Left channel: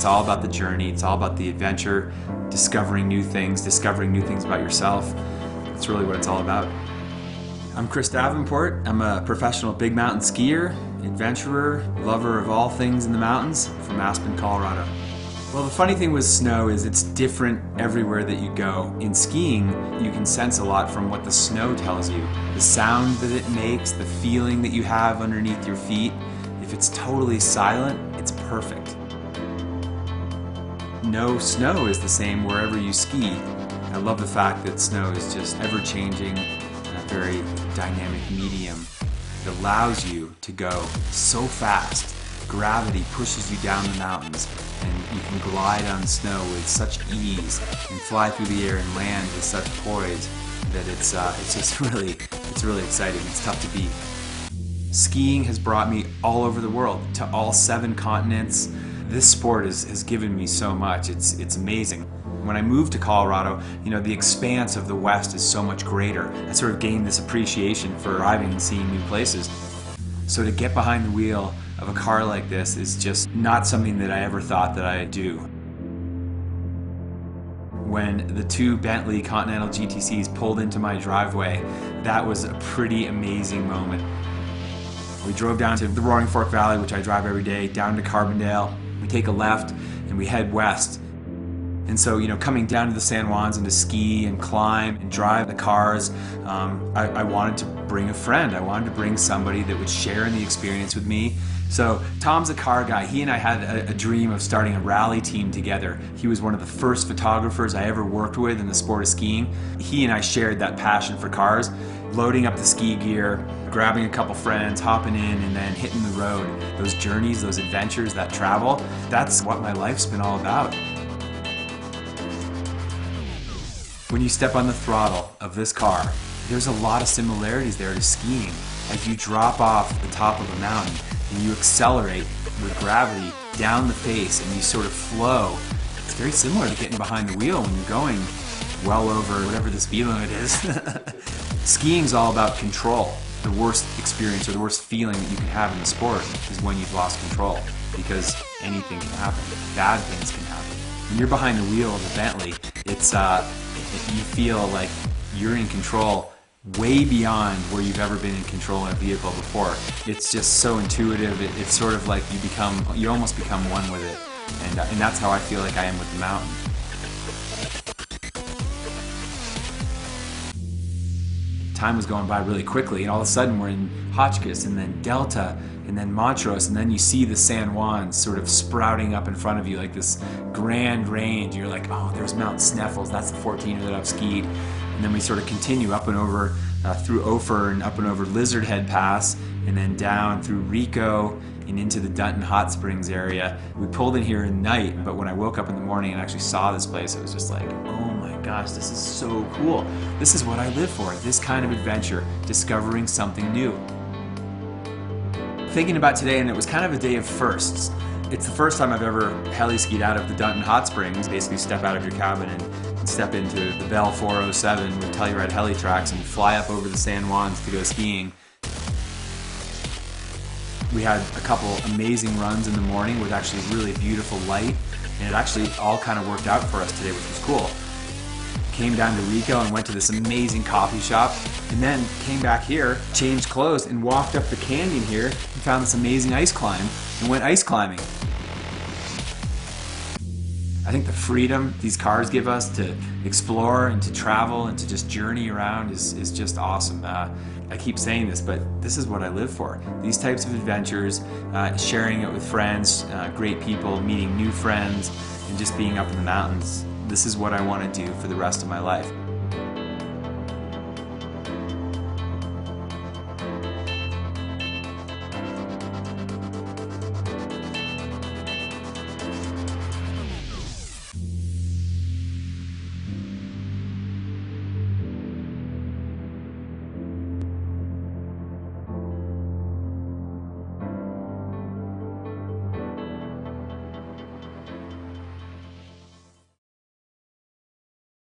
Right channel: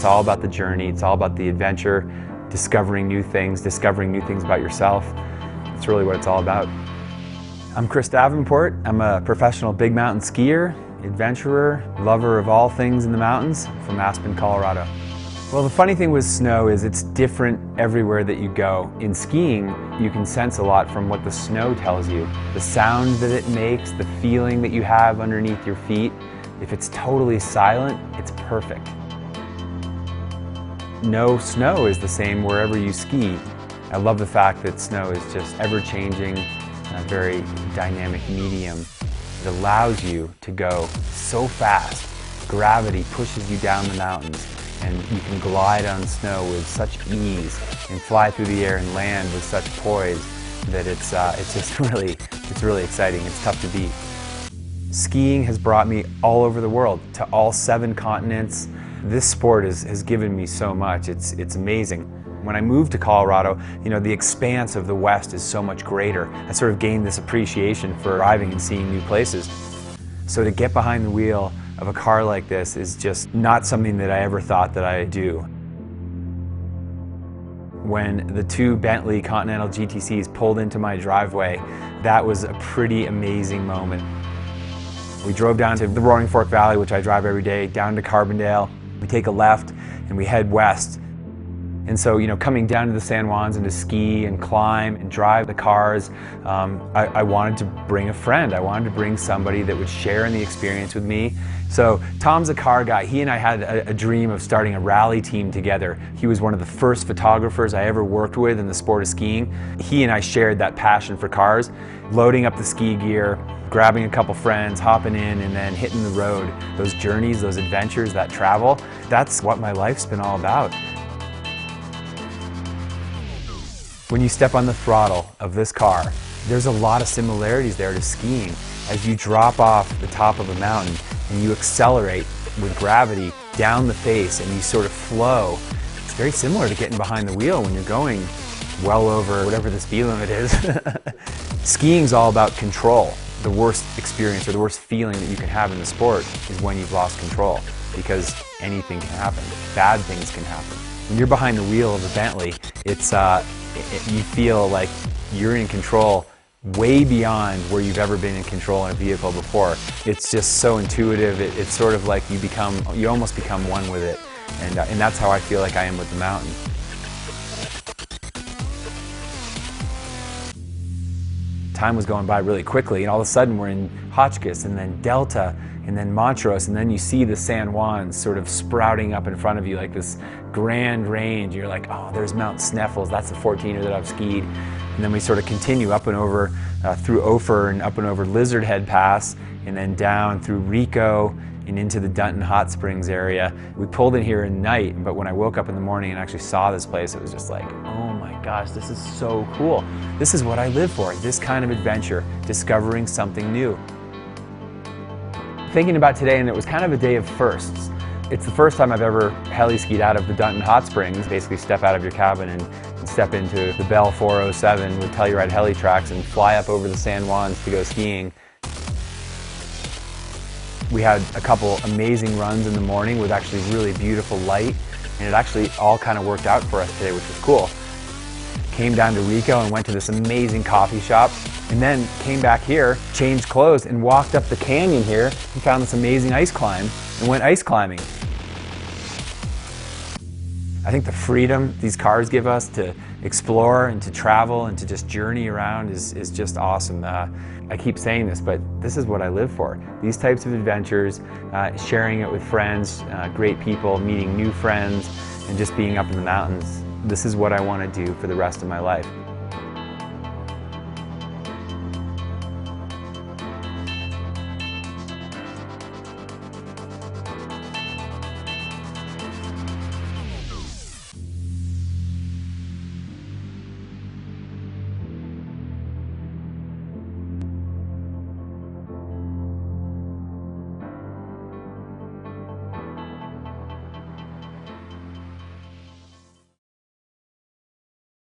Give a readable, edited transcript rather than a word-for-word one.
It's all about the journey, it's all about the adventure, discovering new things about yourself. That's really what it's all about. I'm Chris Davenport. I'm a professional big mountain skier, adventurer, lover of all things in the mountains from Aspen, Colorado. Well, the funny thing with snow is it's different everywhere that you go. In skiing, you can sense a lot from what the snow tells you. The sound that it makes, the feeling that you have underneath your feet. If it's totally silent, it's perfect. No snow is the same wherever you ski. I love the fact that snow is just ever-changing, a very dynamic medium. It allows you to go so fast. Gravity pushes you down the mountains, and you can glide on snow with such ease and fly through the air and land with such poise that it's just really exciting. It's tough to beat. Skiing has brought me all over the world, to all 7 continents. This sport has given me so much. It's amazing. When I moved to Colorado, the expanse of the West is so much greater. I sort of gained this appreciation for driving and seeing new places. So to get behind the wheel of a car like this is just not something that I ever thought that I'd do. When the 2 Bentley Continental GTCs pulled into my driveway, that was a pretty amazing moment. We drove down to the Roaring Fork Valley, which I drive every day, down to Carbondale. We take a left and we head west. And so, coming down to the San Juans and to ski and climb and drive the cars, I wanted to bring a friend. I wanted to bring somebody that would share in the experience with me. So Tom's a car guy. He and I had a dream of starting a rally team together. He was one of the first photographers I ever worked with in the sport of skiing. He and I shared that passion for cars, loading up the ski gear, grabbing a couple friends, hopping in, and then hitting the road. Those journeys, those adventures, that travel, that's what my life's been all about. When you step on the throttle of this car, there's a lot of similarities there to skiing. As you drop off the top of a mountain and you accelerate with gravity down the face and you sort of flow, it's very similar to getting behind the wheel when you're going well over whatever the speed limit is. Skiing's all about control. The worst experience or the worst feeling that you can have in the sport is when you've lost control, because anything can happen. Bad things can happen. When you're behind the wheel of a Bentley, you feel like you're in control way beyond where you've ever been in control in a vehicle before. It's just so intuitive. It's sort of like you almost become one with it, and that's how I feel like I am with the mountain. Time was going by really quickly, and all of a sudden we're in Hotchkiss, and then Delta, and then Montrose, and then you see the San Juans sort of sprouting up in front of you like this grand range. You're like, oh, there's Mount Sneffels, that's the 14er that I've skied. And then we sort of continue up and over through Ophir and up and over Lizard Head Pass, and then down through Rico and into the Dunton Hot Springs area. We pulled in here at night, but when I woke up in the morning and actually saw this place, it was just like, oh my gosh, this is so cool. This is what I live for, this kind of adventure, discovering something new. Thinking about today, and it was kind of a day of firsts. It's the first time I've ever heli skied out of the Dunton Hot Springs. Basically step out of your cabin and step into the Bell 407 with Telluride heli tracks and fly up over the San Juans to go skiing. We had a couple amazing runs in the morning with actually really beautiful light, and it actually all kind of worked out for us today, which was cool. Came down to Rico and went to this amazing coffee shop, and then came back here, changed clothes, and walked up the canyon here and found this amazing ice climb and went ice climbing. I think the freedom these cars give us to explore and to travel and to just journey around is just awesome. I keep saying this, but this is what I live for. These types of adventures, sharing it with friends, great people, meeting new friends, and just being up in the mountains. This is what I want to do for the rest of my life.